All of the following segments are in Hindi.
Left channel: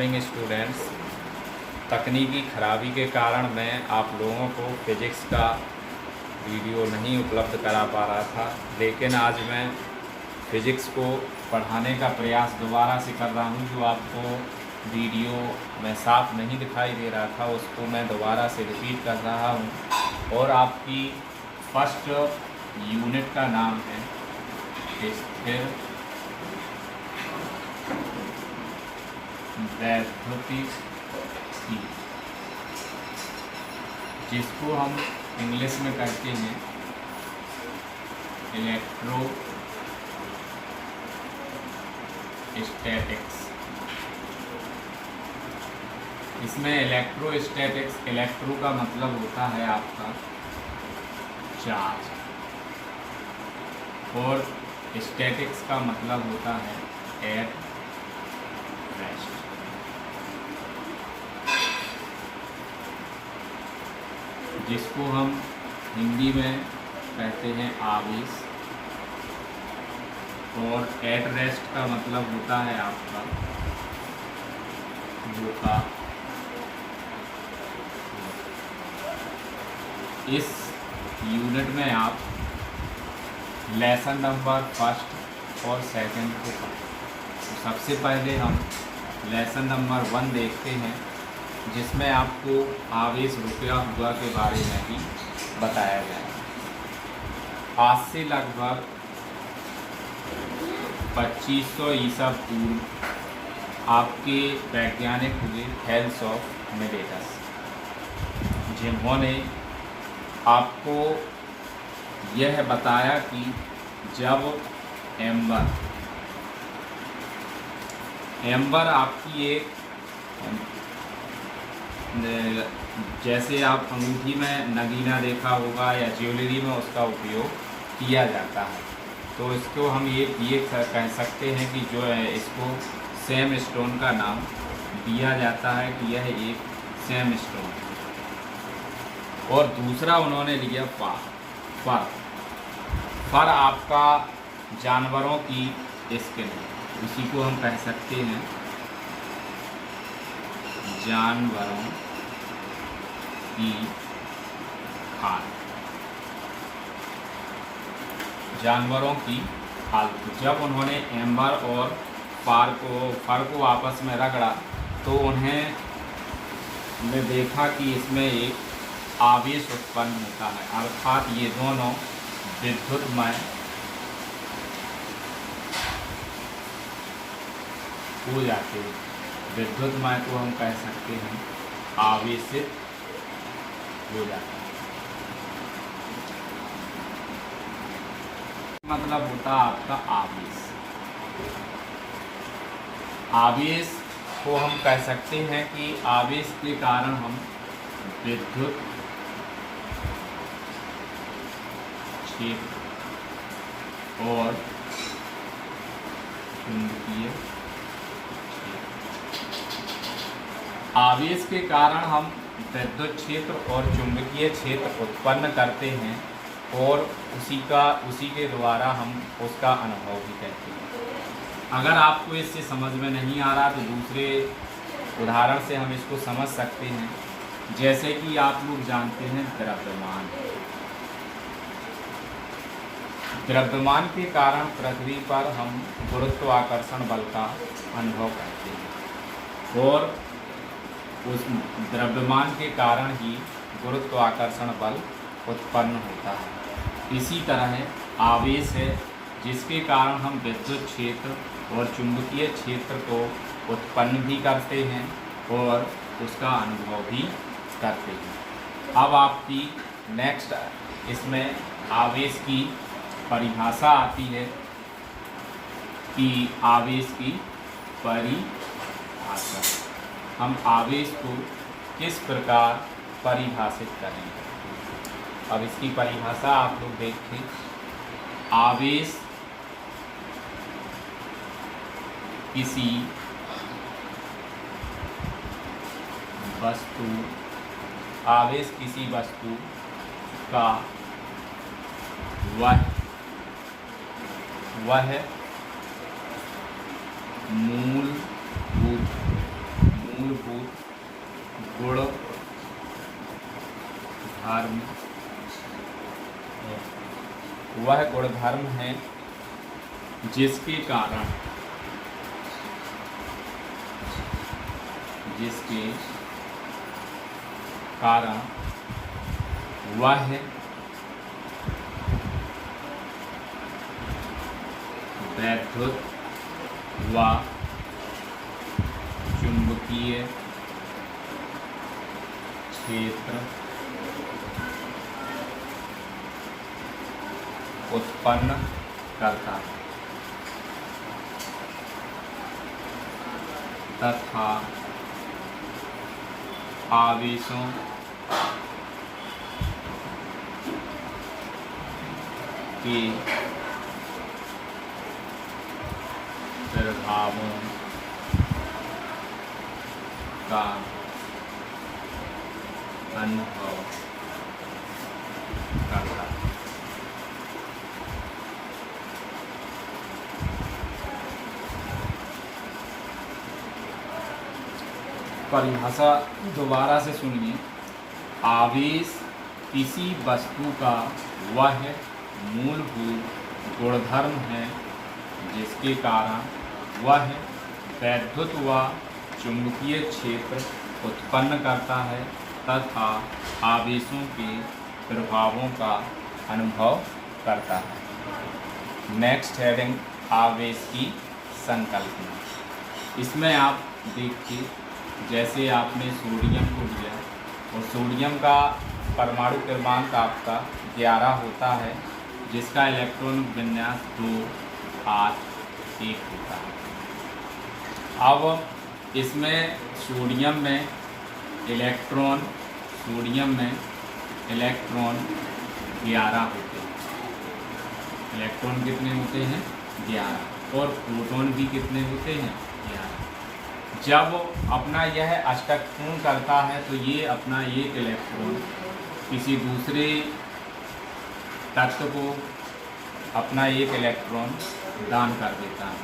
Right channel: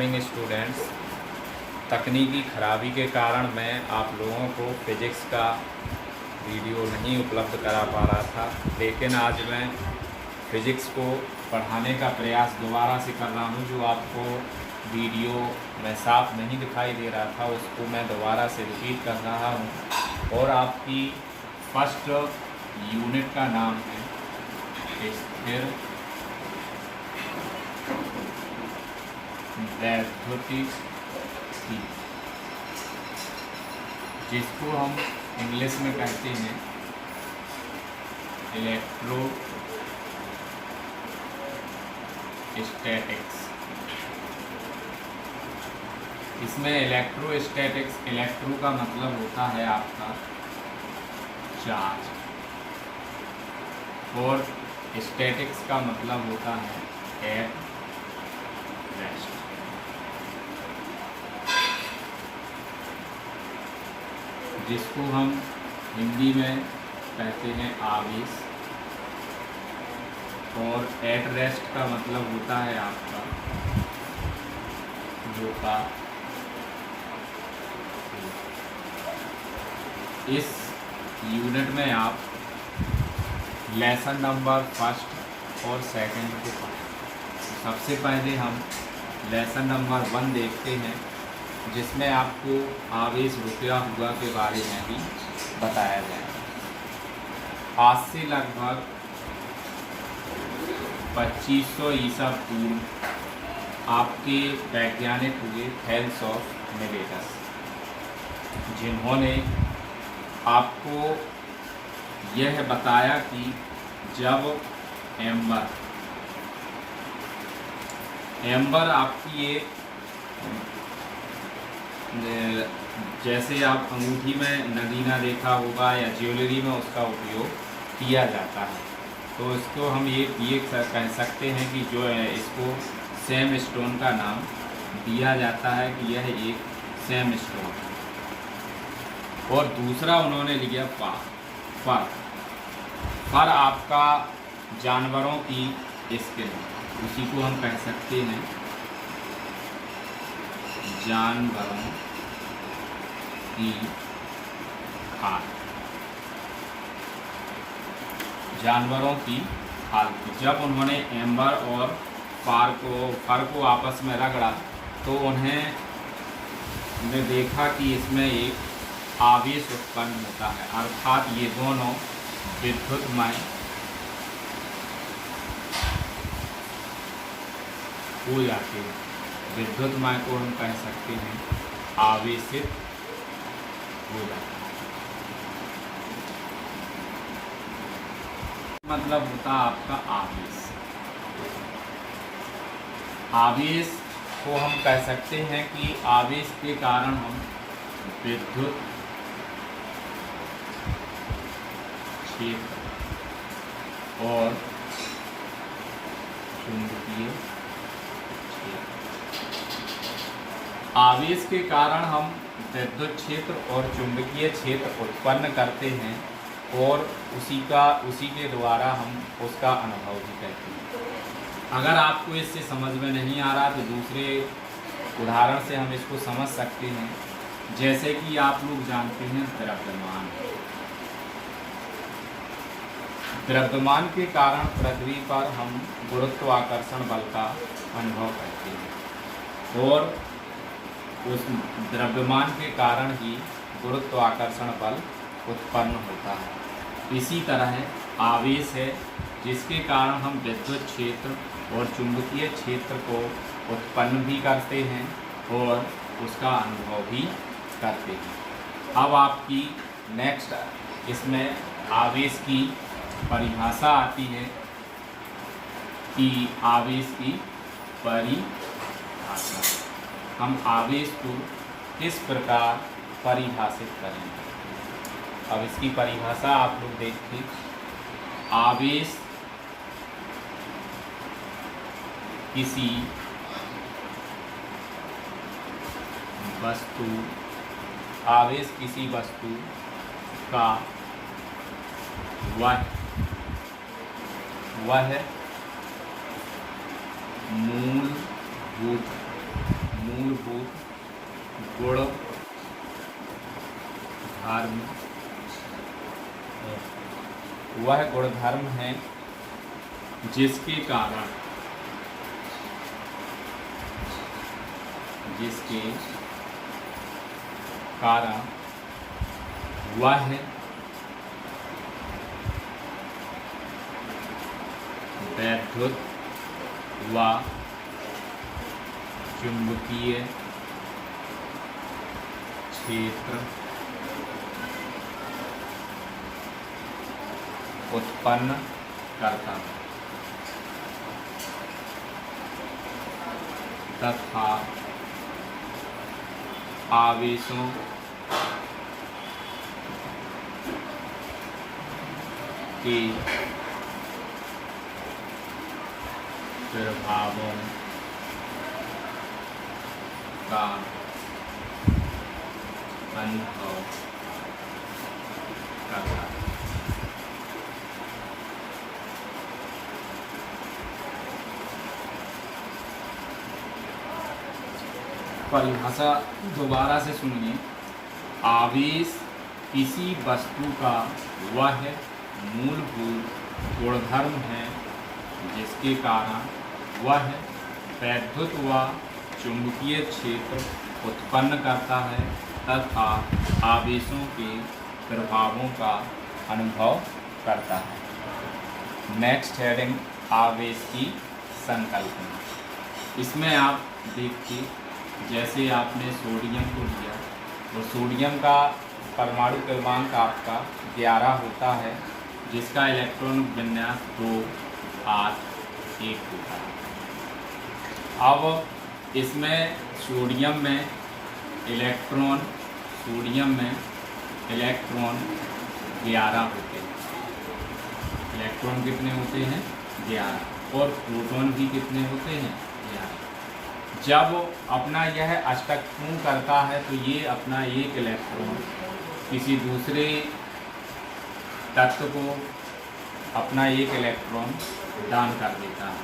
Morning students. तकनीकी खराबी के कारण मैं आप लोगों को फ़िज़िक्स का वीडियो नहीं उपलब्ध करा पा रहा था, लेकिन आज मैं फ़िज़िक्स को पढ़ाने का प्रयास दोबारा से कर रहा हूँ। जो आपको वीडियो में साफ नहीं दिखाई दे रहा था, उसको मैं दोबारा से रिपीट कर रहा हूँ। और आपकी फर्स्ट यूनिट का नाम है स्थिर वैद्युतिक, जिसको हम इंग्लिश में कहते हैं इलेक्ट्रोस्टैटिक्स। इसमें इलेक्ट्रोस्टैटिक्स, इलेक्ट्रो का मतलब होता है आपका चार्ज, और स्टैटिक्स का मतलब होता है एट रेस्ट। जिसको हम हिंदी में कहते हैं आवेश, और एट रेस्ट का मतलब होता है आपका होता। इस यूनिट में आप लेसन नंबर फर्स्ट और सेकंड को पढ़ें। तो सबसे पहले हम लेसन नंबर 1 देखते हैं, जिसमें आपको आवेश रुपया हुआ के बारे में ही बताया जाए। आज से लगभग 2500 ईसा पूर्व आपके वैज्ञानिक हुए थेल्स ऑफ मिलेटस, जिन्होंने आपको यह बताया कि जब एम्बर आपकी एक, जैसे आप अंगूठी में नगीना देखा होगा या ज्वेलरी में उसका उपयोग किया जाता है, तो इसको हम ये कह सकते हैं कि जो है इसको सेम स्टोन का नाम दिया जाता है कि यह एक सेम स्टोन है। और दूसरा उन्होंने लिया फर आपका जानवरों की स्किन, उसी को हम कह सकते हैं जानवरों की खाल। जानवरों की खाल। जब उन्होंने एम्बर और फर को आपस में रगड़ा, तो उन्हें देखा कि इसमें एक आवेश उत्पन्न होता है, अर्थात ये दोनों विद्युतमय हो जाते हैं। विद्युतमय को हम कह सकते हैं आवेशित हो जाता है। मतलब होता आपका आवेश। आवेश को हम कह सकते हैं कि आवेश के कारण हम विद्युत क्षेत्र और चुंबकीय क्षेत्र। आवेश के कारण हम विद्युत क्षेत्र और चुंबकीय क्षेत्र उत्पन्न करते हैं, और उसी के द्वारा हम उसका अनुभव भी करते हैं। अगर आपको इससे समझ में नहीं आ रहा तो दूसरे उदाहरण से हम इसको समझ सकते हैं। जैसे कि आप लोग जानते हैं द्रव्यमान के कारण पृथ्वी पर हम गुरुत्वाकर्षण बल का अनुभव करते हैं, और उस द्रव्यमान के कारण ही गुरुत्वाकर्षण बल उत्पन्न होता है। इसी तरह आवेश है, जिसके कारण हम विद्युत क्षेत्र और चुंबकीय क्षेत्र को उत्पन्न भी करते हैं और उसका अनुभव भी करते हैं। अब आपकी नेक्स्ट इसमें आवेश की परिभाषा आती है कि आवेश की परिभाषा हम आवेश को किस प्रकार परिभाषित करेंगे। अब इसकी परिभाषा आप लोग देखिए। आवेश किसी वस्तु का वह मूलभूत मूलभूत गुण धर्म है। वह गुणधर्म है जिसके कारण वह वैद्युत व चुंबकीय क्षेत्र उत्पन्न करता है तथा आवेशों के प्रभावों का अनुभव करता है। परिभाषा दोबारा से सुनिए। आवेश किसी वस्तु का वह मूलभूत गुणधर्म है जिसके कारण वह वैद्युत व चुंबकीय क्षेत्र उत्पन्न करता है तथा आवेशों के प्रभावों का अनुभव करता है। नेक्स्ट हेडिंग, आवेश की संकल्पना। इसमें आप देखिए, जैसे आपने सोडियम को लिया और सोडियम का परमाणु क्रमांक आपका 11 होता है, जिसका इलेक्ट्रॉन विन्यास 2, 8, 1 होता है। अब इसमें सोडियम में इलेक्ट्रॉन 11 होते हैं। इलेक्ट्रॉन कितने होते हैं? 11। और प्रोटॉन भी कितने होते हैं? 11। जब अपना यह अष्टक पूर्ण करता है तो ये अपना एक इलेक्ट्रॉन किसी दूसरे तत्व को अपना एक इलेक्ट्रॉन दान कर देता है।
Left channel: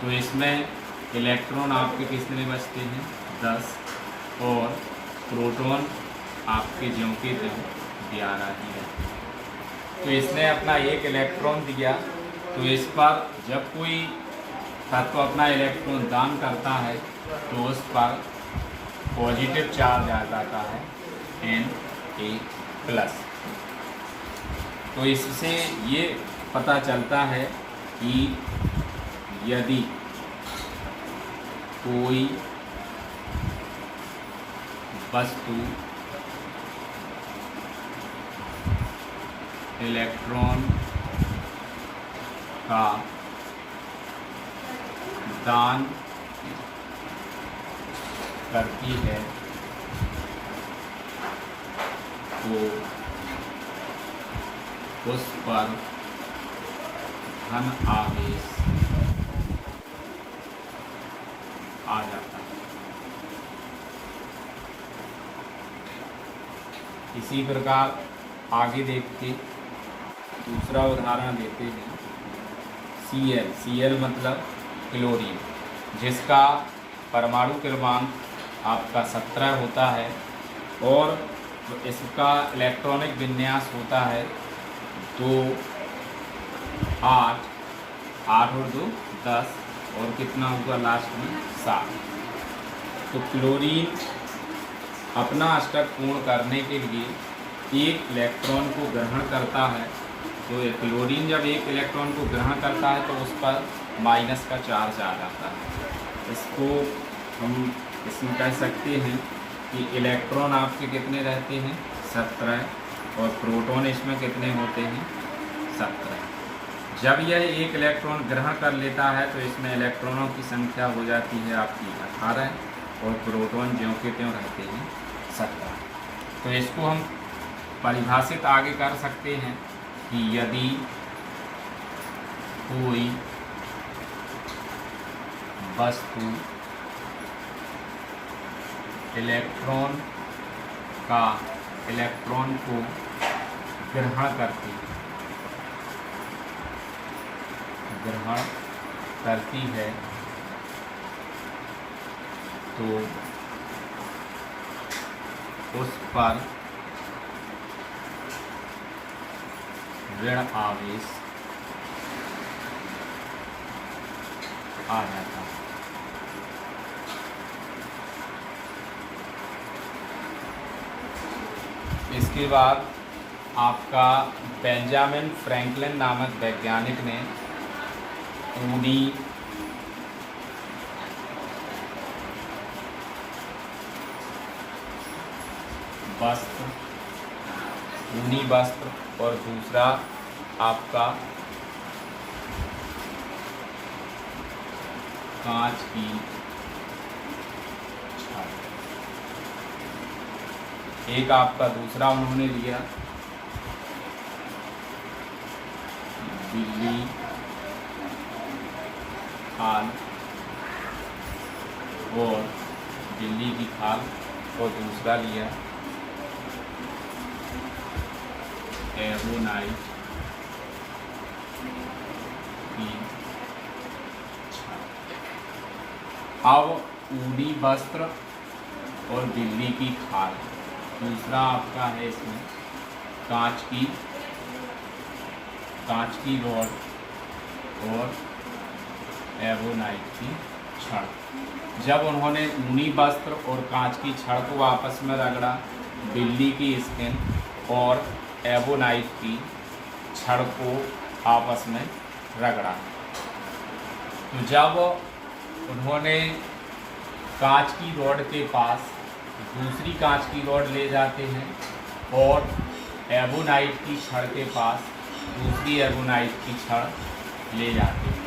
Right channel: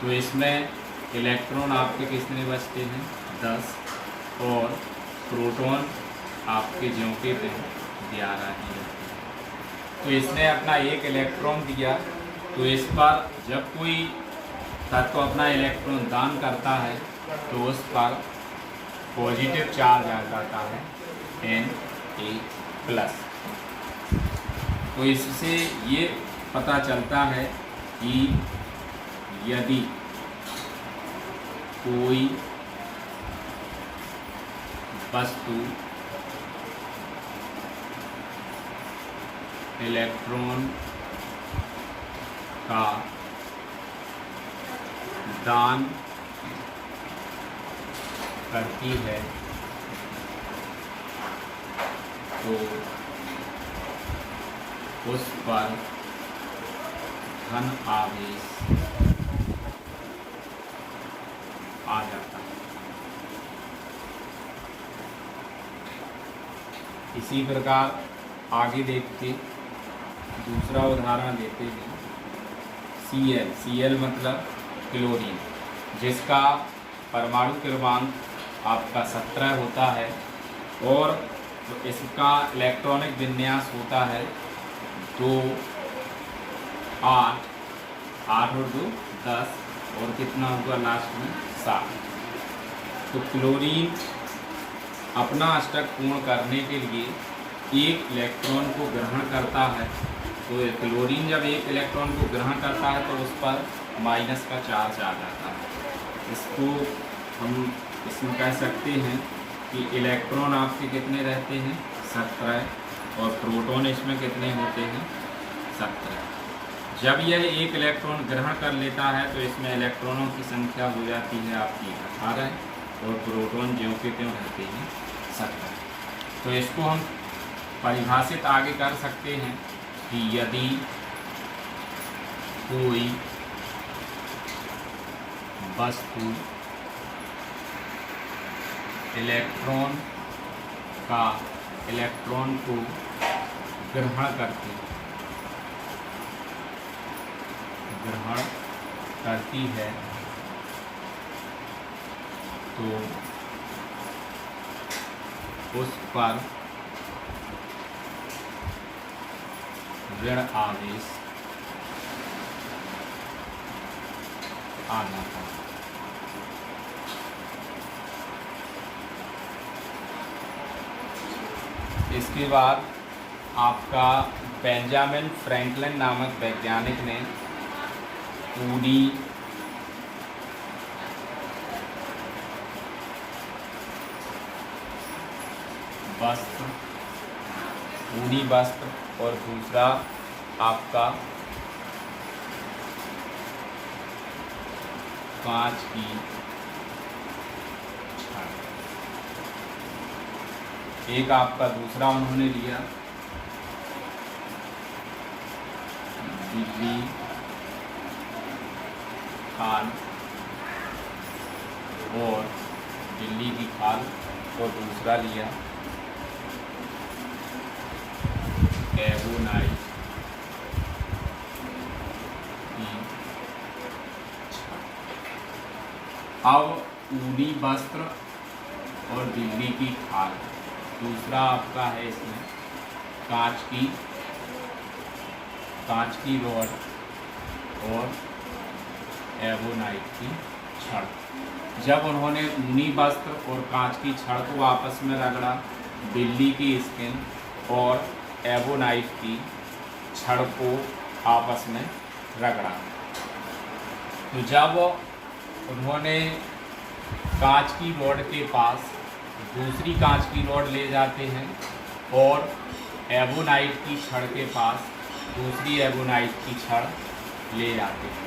तो इसमें इलेक्ट्रॉन आपके कितने बचते हैं? 10। और प्रोटॉन आपके ज्यों के त्यों 11 ही होते हैं। तो इसने अपना एक इलेक्ट्रॉन दिया, तो इस पर जब कोई तत्व अपना इलेक्ट्रॉन दान करता है तो उस पर पॉजिटिव चार्ज आ जाता है Na+। तो इससे ये पता चलता है कि यदि कोई वस्तु इलेक्ट्रॉन का दान करती है तो उस पर धन आवेश आ जाता है। इसी प्रकार आगे देखते दूसरा उदाहरण लेते हैं। Cl मतलब क्लोरीन, जिसका परमाणु क्रमांक आपका 17 होता है और इसका इलेक्ट्रॉनिक विन्यास होता है 2, 8, 8 और 2 10 और कितना होगा लास्ट में 7। तो क्लोरीन अपना अष्टक पूर्ण करने के लिए एक इलेक्ट्रॉन को ग्रहण करता है। तो क्लोरीन जब एक इलेक्ट्रॉन को ग्रहण करता है तो उस पर माइनस का चार्ज आ जाता है। इसको हम इसमें कह सकते हैं कि इलेक्ट्रॉन आपके कितने रहते हैं? 17 और प्रोटॉन इसमें कितने होते हैं? 17। जब यह एक इलेक्ट्रॉन ग्रहण कर लेता है तो इसमें इलेक्ट्रॉनों की संख्या हो जाती है आपकी 18 और प्रोटॉन ज्यों के त्यों रहते हैं 17। तो इसको हम परिभाषित आगे कर सकते हैं कि यदि कोई वस्तु इलेक्ट्रॉन को ग्रहण करती है तो उस पर ऋण आवेश आ जाता है। इसके बाद आपका बेंजामिन फ्रैंकलिन नामक वैज्ञानिक ने ऊनी वस्त्र और दूसरा आपका कांच की छड़, एक आपका दूसरा उन्होंने लिया बिजली खाल और दिल्ली की खाल और दूसरा लिया एवोनाइट की छड़। अब ऊनी वस्त्र और दिल्ली की खाल, दूसरा आपका है इसमें कांच की रॉड और एवोनाइट की छड़। जब उन्होंने ऊनी वस्त्र और कांच की छड़ को आपस में रगड़ा, बिल्ली की स्किन और एवोनाइट की छड़ को आपस में रगड़ा, तो जब उन्होंने कांच की रॉड के पास दूसरी कांच की रॉड ले जाते हैं और एवोनाइट की छड़ के पास दूसरी एवोनाइट की छड़ ले जाते हैं,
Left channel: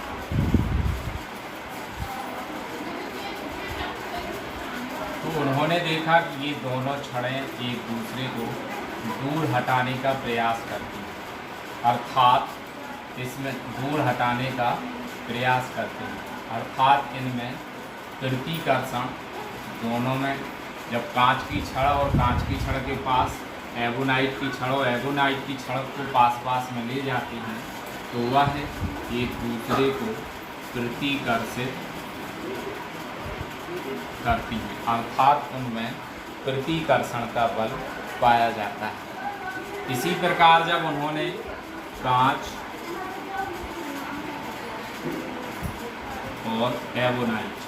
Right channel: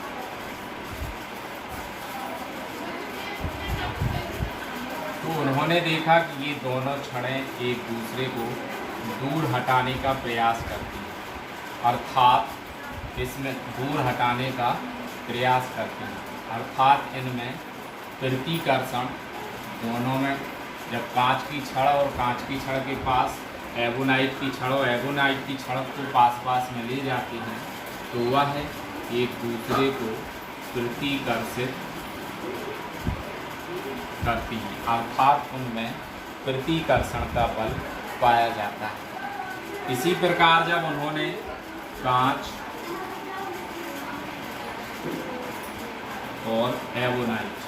तो उन्होंने देखा कि ये दोनों छड़ें एक दूसरे को दूर हटाने का प्रयास करती हैं, अर्थात इसमें दूर हटाने का प्रयास करती हैं, अर्थात इनमें प्रतिकर्षण दोनों में, जब कांच की छड़ और कांच की छड़ के पास एवोनाइट की छड़ और एवोनाइट की छड़ को पास में ले जाती हैं, तो वह एक दूसरे को प्रतिकर्षित करती हैं, अर्थात उनमें प्रतिकर्षण का बल पाया जाता है। इसी प्रकार जब उन्होंने कांच और एवोनाइट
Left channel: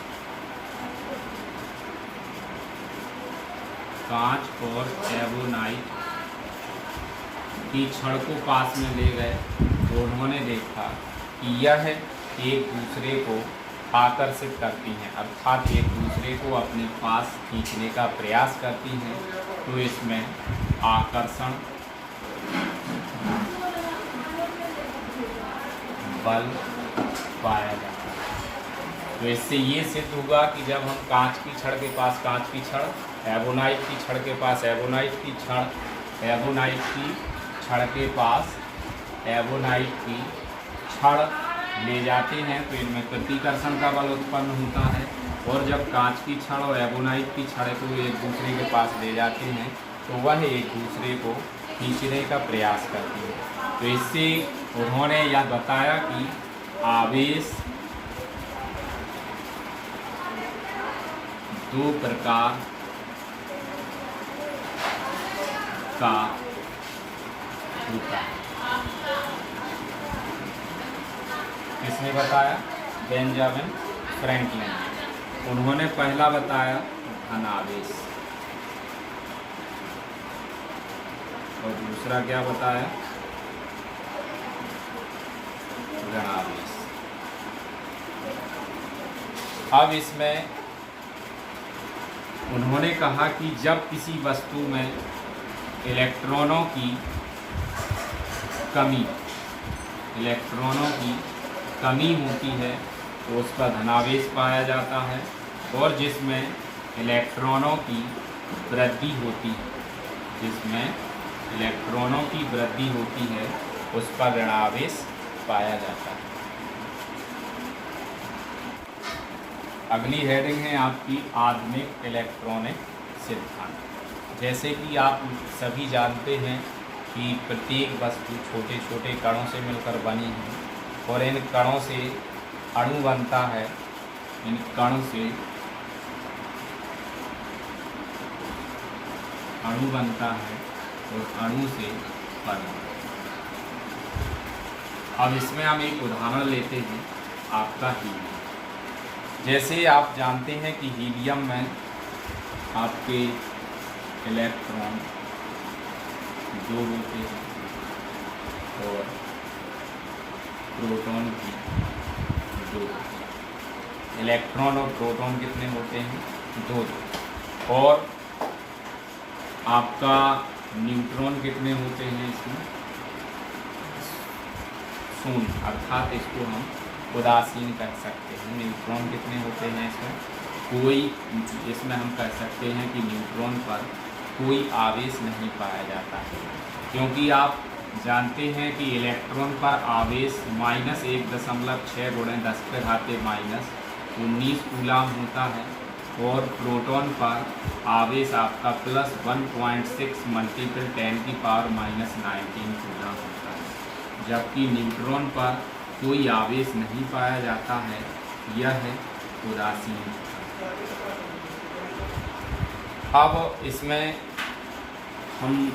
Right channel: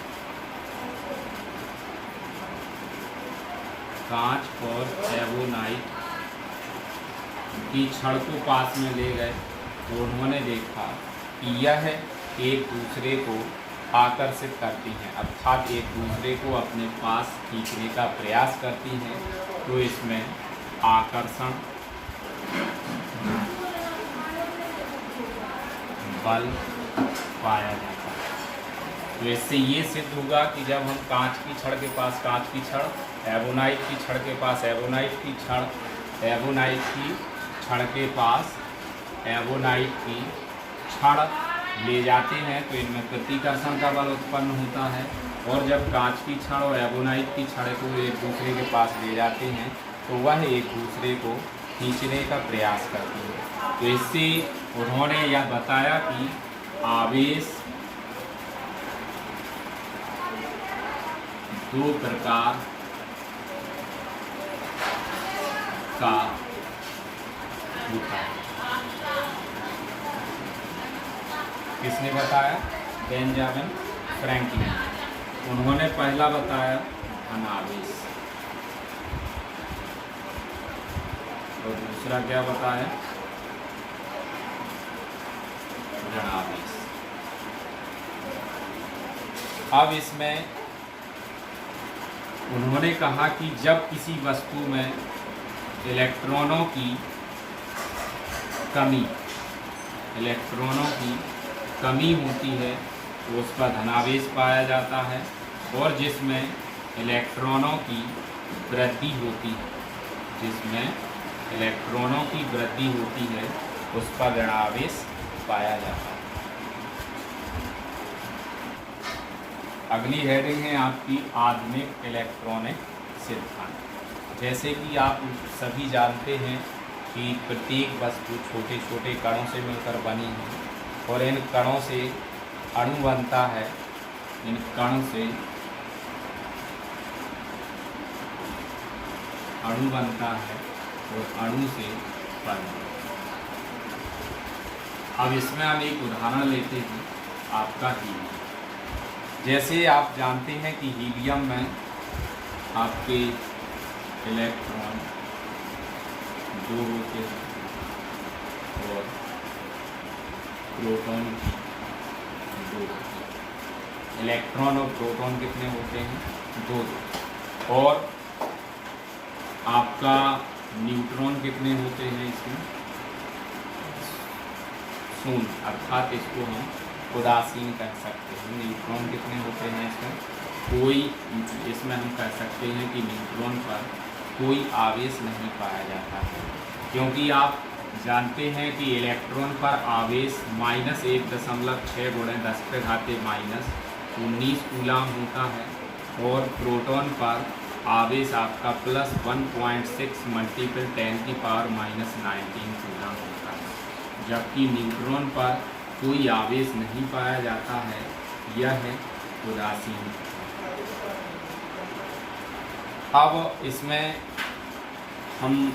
की छड़ को पास में ले गए, तो उन्होंने देखा कि यह एक दूसरे को आकर्षित करती हैं, अर्थात एक दूसरे को अपने पास खींचने का प्रयास करती हैं, तो इसमें आकर्षण बल पाया जाता है। तो इससे ये सिद्ध होगा कि जब हम कांच की छड़ के पास कांच की छड़, एवोनाइट की छड़ के पास एवोनाइट की छड़, एवोनाइट की छड़ के पास एवोनाइट की छड़ ले जाते हैं, तो इनमें प्रतिकर्षण का बल उत्पन्न होता है, और जब कांच की छड़ और एवोनाइट की छड़ को एक दूसरे के पास ले जाते हैं, तो वह एक दूसरे को खींचने का प्रयास करती है। तो इससे उन्होंने यह बताया कि आवेश दो प्रकार का होता है। किसने बताया? Benjamin Franklin. उन्होंने पहला बताया धनावेश, और दूसरा क्या बताया? ऋणावेश। अब इसमें उन्होंने कहा कि जब किसी वस्तु में इलेक्ट्रॉनों की कमी होती है, तो उस पर धनावेश पाया जाता है, और जिसमें इलेक्ट्रॉनों की वृद्धि होती है, उस पर ऋणावेश पाया जाता है। अगली हेडिंग है आपकी आधुनिक इलेक्ट्रॉनिक सिद्धांत। जैसे कि आप सभी जानते हैं कि प्रत्येक वस्तु छोटे छोटे कणों से मिलकर बनी है, और इन कणों से अणु बनता है। इन कण से अणु बनता है और अणु से परमाणु। अब इसमें हम एक उदाहरण लेते हैं आपका हीलियम। जैसे आप जानते हैं कि हीलियम में आपके इलेक्ट्रॉन 2 होते हैं और प्रोटॉन भी 2 होते हैं। इलेक्ट्रॉन और प्रोटॉन कितने होते हैं? 2। और आपका न्यूट्रॉन कितने होते हैं इसमें? 0, अर्थात इसको हम उदासीन कर सकते हैं। न्यूट्रॉन कितने होते हैं इसमें? कोई, इसमें हम कह सकते हैं कि न्यूट्रॉन पर कोई आवेश नहीं पाया जाता है, क्योंकि आप जानते हैं कि इलेक्ट्रॉन पर आवेश -1.6 × 10⁻⁻19 कूलाम होता है और प्रोटॉन पर आवेश आपका +1.6 × 10⁻⁻19 कूलाम होता है, जबकि न्यूट्रॉन पर कोई आवेश नहीं पाया जाता है। यह है उदासीन। अब इसमें हम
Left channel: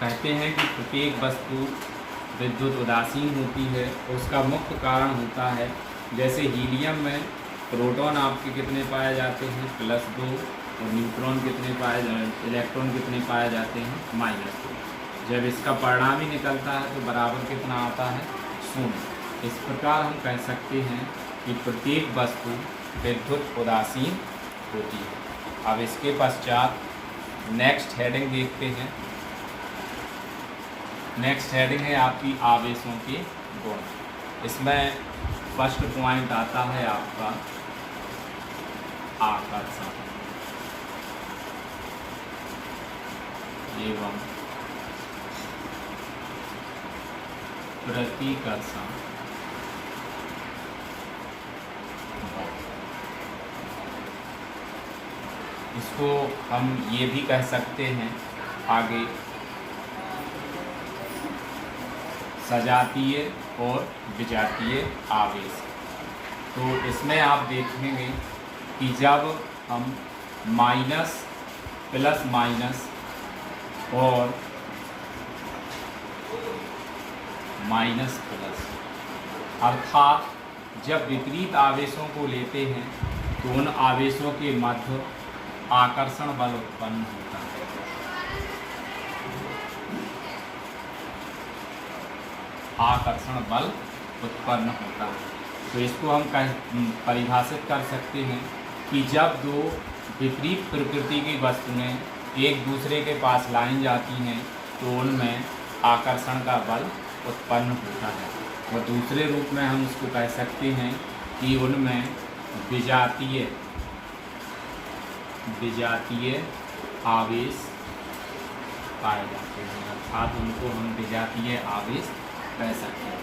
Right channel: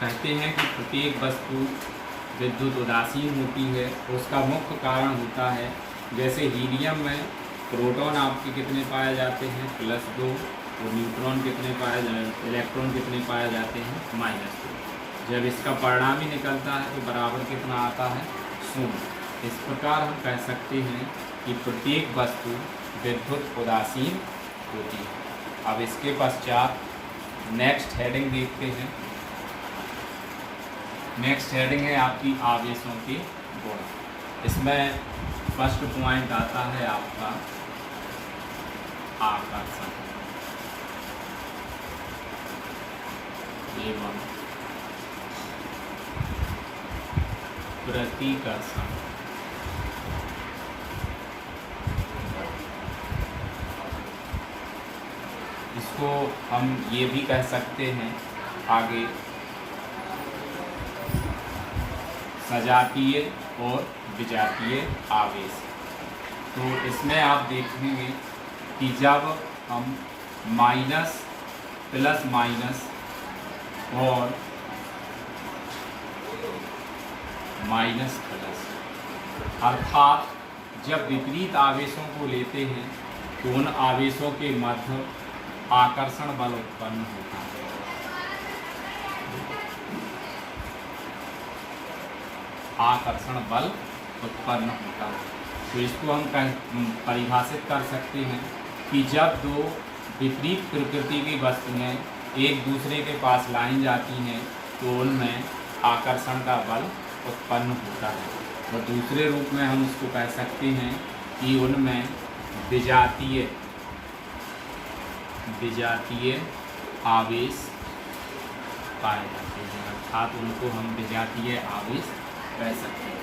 कहते हैं कि प्रत्येक वस्तु विद्युत उदासीन होती है। उसका मुख्य कारण होता है, जैसे हीलियम में प्रोटॉन आपके कितने पाए जाते हैं? +2 और न्यूट्रॉन कितने इलेक्ट्रॉन कितने पाए जाते हैं? -2। जब इसका परिणाम ही निकलता है तो बराबर कितना आता है? 0। इस प्रकार हम कह सकते हैं कि प्रत्येक वस्तु विद्युत उदासीन होती है। अब इसके पश्चात नेक्स्ट हेडिंग देखते हैं। नेक्स्ट हेडिंग है आपकी आवेशों के गुण। इसमें फर्स्ट पॉइंट आता है आपका आकर्षण एवं प्रतिकर्षण। इसको हम ये भी कह सकते हैं आगे सजातीय और विजातीय आवेश। तो इसमें आप देखेंगे कि जब हम माइनस, प्लस माइनस और माइनस प्लस, अर्थात जब विपरीत आवेशों को लेते हैं तो उन आवेशों के मध्य आकर्षण बल उत्पन्न होता है। आकर्षण बल उत्पन्न होता है। तो इसको हम परिभाषित कर सकते हैं कि जब दो विपरीत प्रकृति की वस्तुएं एक दूसरे के पास लाई जाती हैं तो उनमें आकर्षण का बल उत्पन्न होता है। और दूसरे रूप में हम इसको कह सकते हैं कि उनमें विजातीय आवेश पाए जाते हैं, अर्थात उनको हम विजातीय आवेश कह सकते हैं।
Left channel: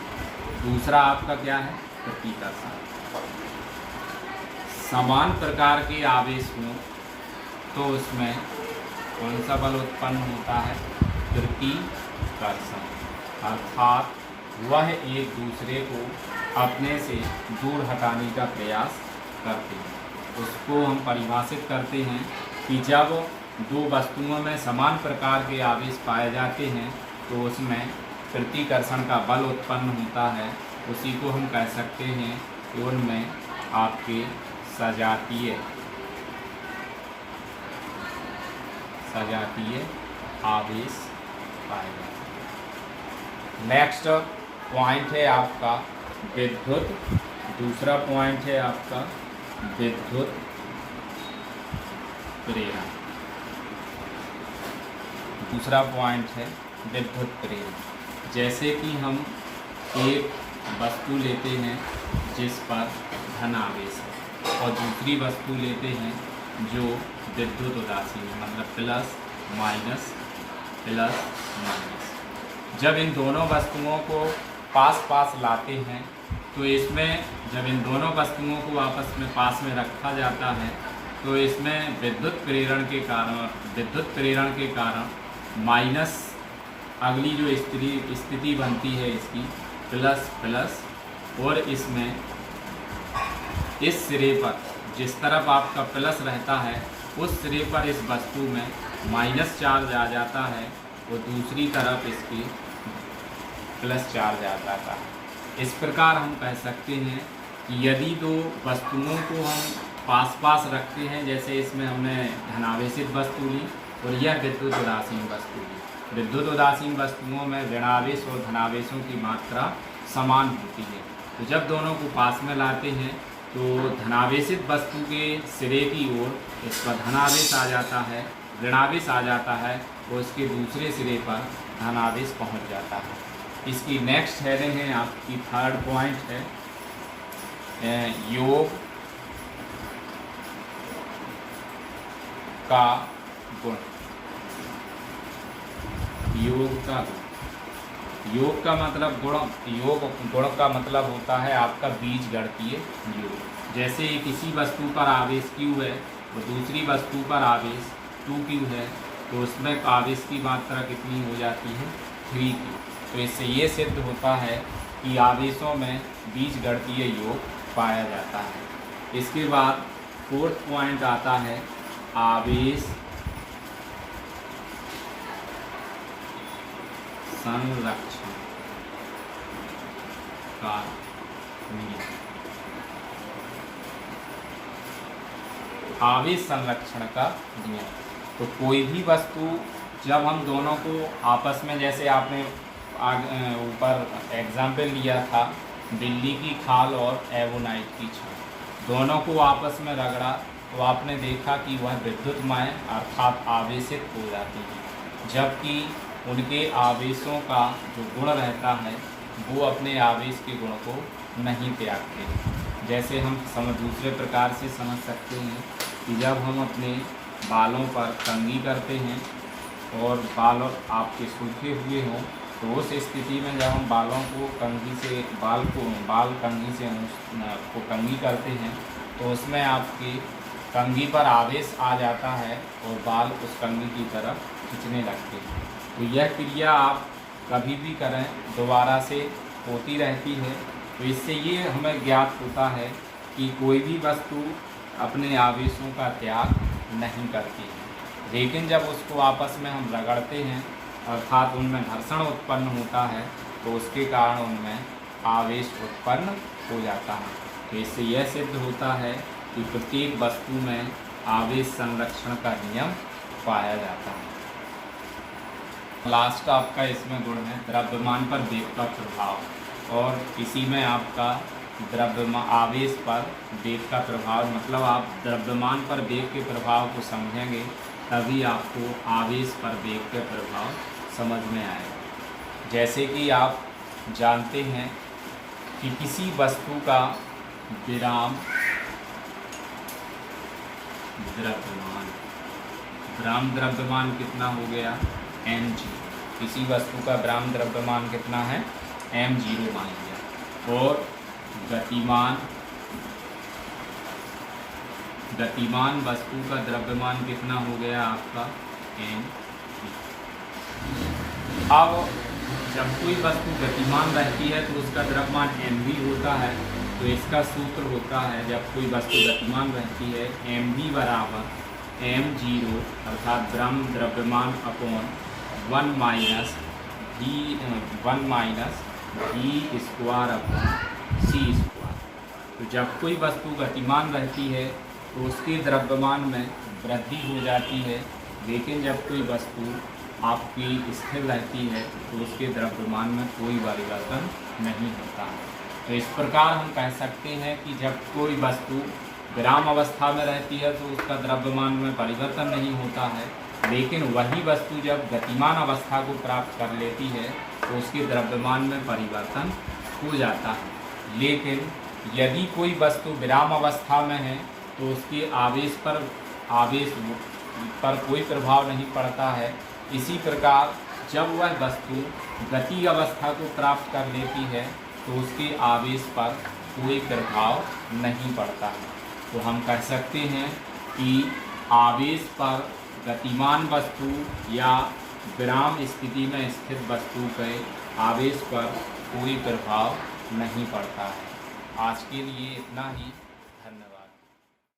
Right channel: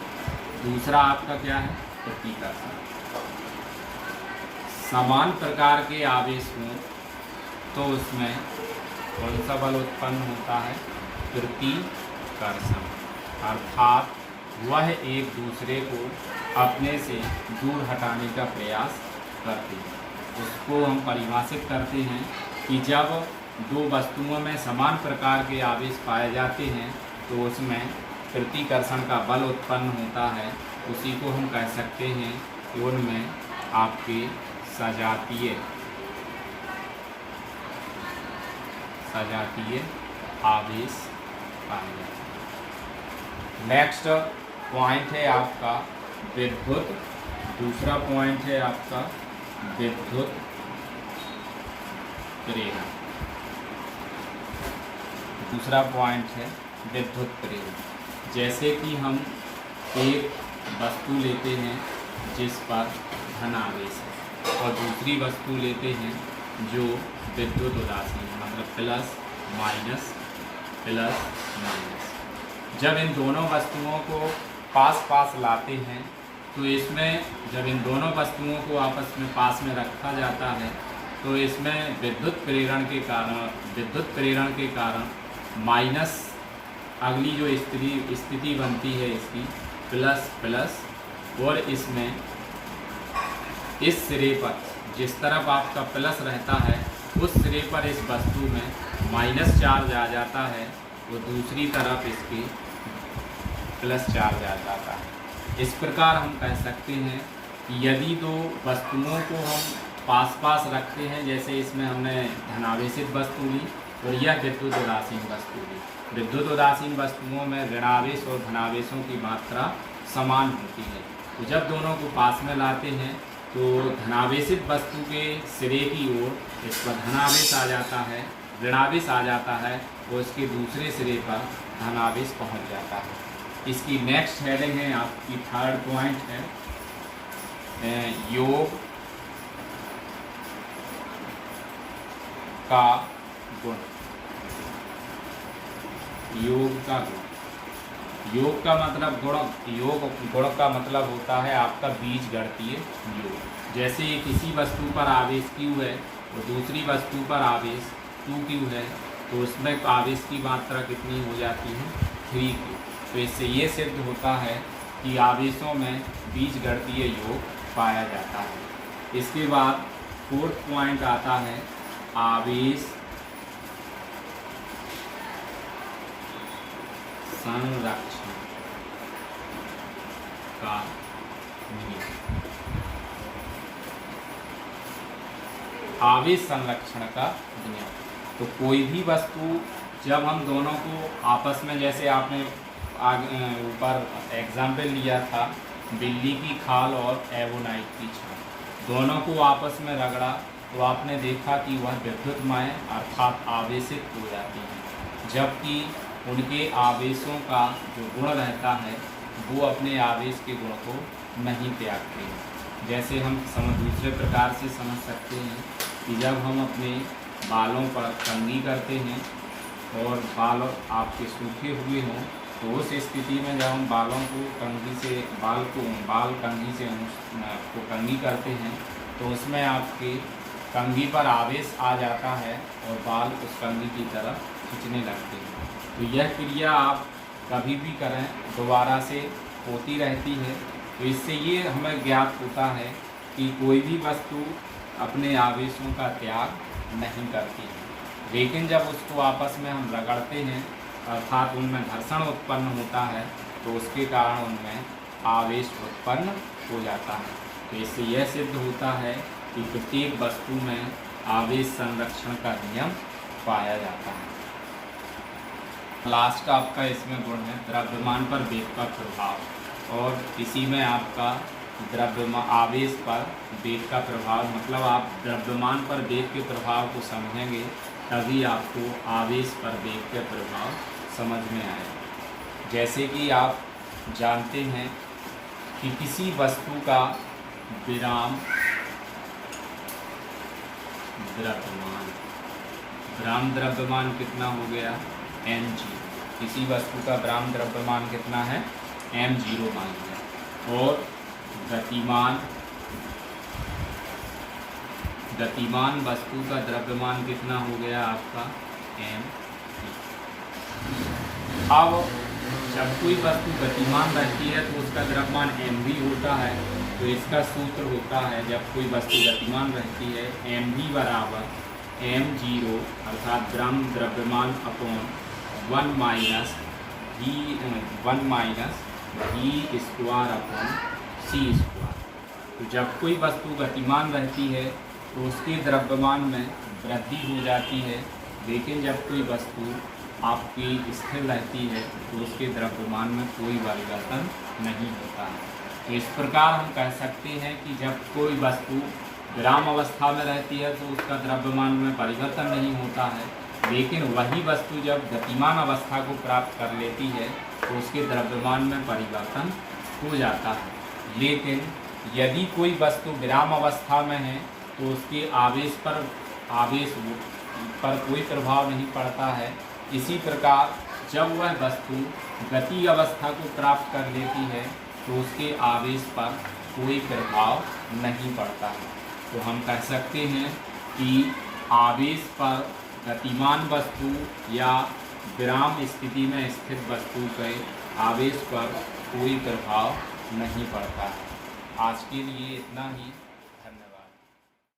दूसरा आपका क्या है? प्रतिकर्षण। समान प्रकार के आवेश हों तो उसमें कौन सा बल उत्पन्न होता है? प्रतिकर्षण, अर्थात वह एक दूसरे को अपने से दूर हटाने का प्रयास करते हैं। उसको हम परिभाषित करते हैं कि जब दो वस्तुओं में समान प्रकार के आवेश पाए जाते हैं तो उसमें प्रतिकर्षण का बल उत्पन्न होता है। उसी को हम कह सकते हैं कि उनमें आपके सजातीय आवेश पाए जाते हैं। नेक्स्ट पॉइंट है आपका विद्युत। दूसरा पॉइंट है आपका विद्युत प्रेरण। दूसरा पॉइंट है विद्युत प्रेरण। जैसे कि हम एक वस्तु लेते हैं जिस पर धन आवेश है और दूसरी वस्तु लेते हैं जो विद्युत उदासीन है, मतलब प्लस माइनस प्लस माइनस। जब इन दोनों वस्तुओं को पास पास लाते हैं तो इसमें जब इन दोनों वस्तुओं को आपस में पास में रखा जाता है तो इसमें विद्युत प्रेरण के कारण माइनस अगली जो स्थिति बनती है इसकी प्लस प्लस, और इसमें इस सिरे पर जिस तरफ आपका प्लस रहता है उस सिरे पर इस वस्तु में माइनस चार्ज आ जाता है, वो दूसरी तरफ इसके प्लस चार्ज आ जाता है। इस प्रकार हम कह सकते हैं कि यदि दो वस्तुओं को हम पास पास रखते हैं, जैसे इसमें हमने धनावेशित वस्तु ली और यह विद्युत उदासीन वस्तु ली। विद्युत उदासीन वस्तुओं में ऋणावेश और धनावेशों की मात्रा समान होती है। तो जब दोनों को पास में लाते हैं तो धनावेशित वस्तु के सिरे की ओर इसका धनावेश आ जाता है, ऋणावेश आ जाता है और इसके दूसरे सिरे पर धनावेश पहुंच जाता है। इसकी नेक्स्ट हेडिंग है, आपकी थर्ड पॉइंट है योग का गुण। योग का गुण, योग का मतलब गुण, योग गुण का मतलब होता है आपका बीज गणितीय योग। जैसे किसी वस्तु पर आवेश Q है और दूसरी वस्तु पर आवेश 2Q है, तो उसमें आवेश की मात्रा कितनी हो जाती है, 3Q। तो इससे ये सिद्ध होता है कि आवेशों में बीज गणितीय योग पाया जाता है। इसके बाद फोर्थ पॉइंट आता है आवेश संरक्षण का नियम। आवेश संरक्षण का नियम, तो कोई भी वस्तु जब हम दोनों को आपस में, जैसे आपने ऊपर एग्जाम्पल लिया था बिल्ली की खाल और एवोनाइट की छाल, दोनों को आपस में रगड़ा तो आपने देखा कि वह विद्युतमय अर्थात आवेशित हो जाती हैं, जबकि उनके आवेशों का जो गुण रहता है वो अपने आवेश के गुण को नहीं त्यागते। जैसे हम दूसरे प्रकार से समझ सकते हैं कि जब हम अपने बालों पर कंघी करते हैं और बाल आपके सूखे हुए हों, तो उस स्थिति में जब हम बालों को कंघी से बाल कंघी से को कंघी करते हैं तो उसमें आपके कंघी पर आवेश आ जाता है और बाल उस कंघी की तरफ खींचने लगते हैं। तो यह क्रिया आप कभी भी करें दोबारा से होती रहती है। तो इससे ये हमें ज्ञात होता है कि कोई भी वस्तु अपने आवेशों का त्याग नहीं करती है, लेकिन जब उसको आपस में हम रगड़ते हैं अर्थात उनमें घर्षण उत्पन्न होता है तो उसके कारण उनमें आवेश उत्पन्न हो जाता है। तो इससे यह सिद्ध होता है कि प्रत्येक वस्तु में आवेश संरक्षण का नियम पाया जाता है। लास्ट आपका इसमें गुण है द्रव्यमान पर वेग का प्रभाव, और इसी में आपका आवेश पर वेग का प्रभाव, मतलब आप द्रव्यमान पर वेग के प्रभाव को समझेंगे तभी आपको आवेश पर वेग के प्रभाव समझ में आएगा। जैसे कि आप जानते हैं कि किसी वस्तु का विराम द्रव्यमान, विराम द्रव्यमान कितना हो गया, m0। किसी वस्तु का विराम द्रव्यमान कितना है, m0 मान लिया। और गतिमान वस्तु का द्रव्यमान कितना हो गया आपका, m। अब जब कोई वस्तु गतिमान रहती है तो उसका द्रव्यमान mv होता है। तो इसका सूत्र होता है, जब कोई वस्तु गतिमान रहती है mv बराबर m0 अर्थात विराम द्रव्यमान upon 1 minus v square upon c square. तो जब कोई वस्तु गतिमान रहती है तो उसके द्रव्यमान में वृद्धि हो जाती है, लेकिन जब कोई वस्तु आपकी स्थिर रहती है तो उसके द्रव्यमान में कोई परिवर्तन नहीं होता है। तो इस प्रकार हम कह सकते हैं कि जब कोई वस्तु विराम अवस्था में रहती है तो उसका द्रव्यमान में परिवर्तन नहीं होता है, लेकिन वही वस्तु जब गतिमान अवस्था को प्राप्त कर लेती है तो उसके द्रव्यमान में परिवर्तन हो जाता है। लेकिन यदि कोई वस्तु विराम अवस्था में है तो उसके आवेश पर कोई प्रभाव नहीं पड़ता है। इसी प्रकार जब वह वस्तु गति अवस्था को प्राप्त कर लेती है तो उसके आवेश पर कोई प्रभाव नहीं पड़ता है। तो हम कह सकते हैं कि आवेश पर गतिमान वस्तु या विराम स्थिति में स्थित वस्तु के आवेश पर कोई प्रभाव नहीं पड़ता है। आज के लिए इतना ही।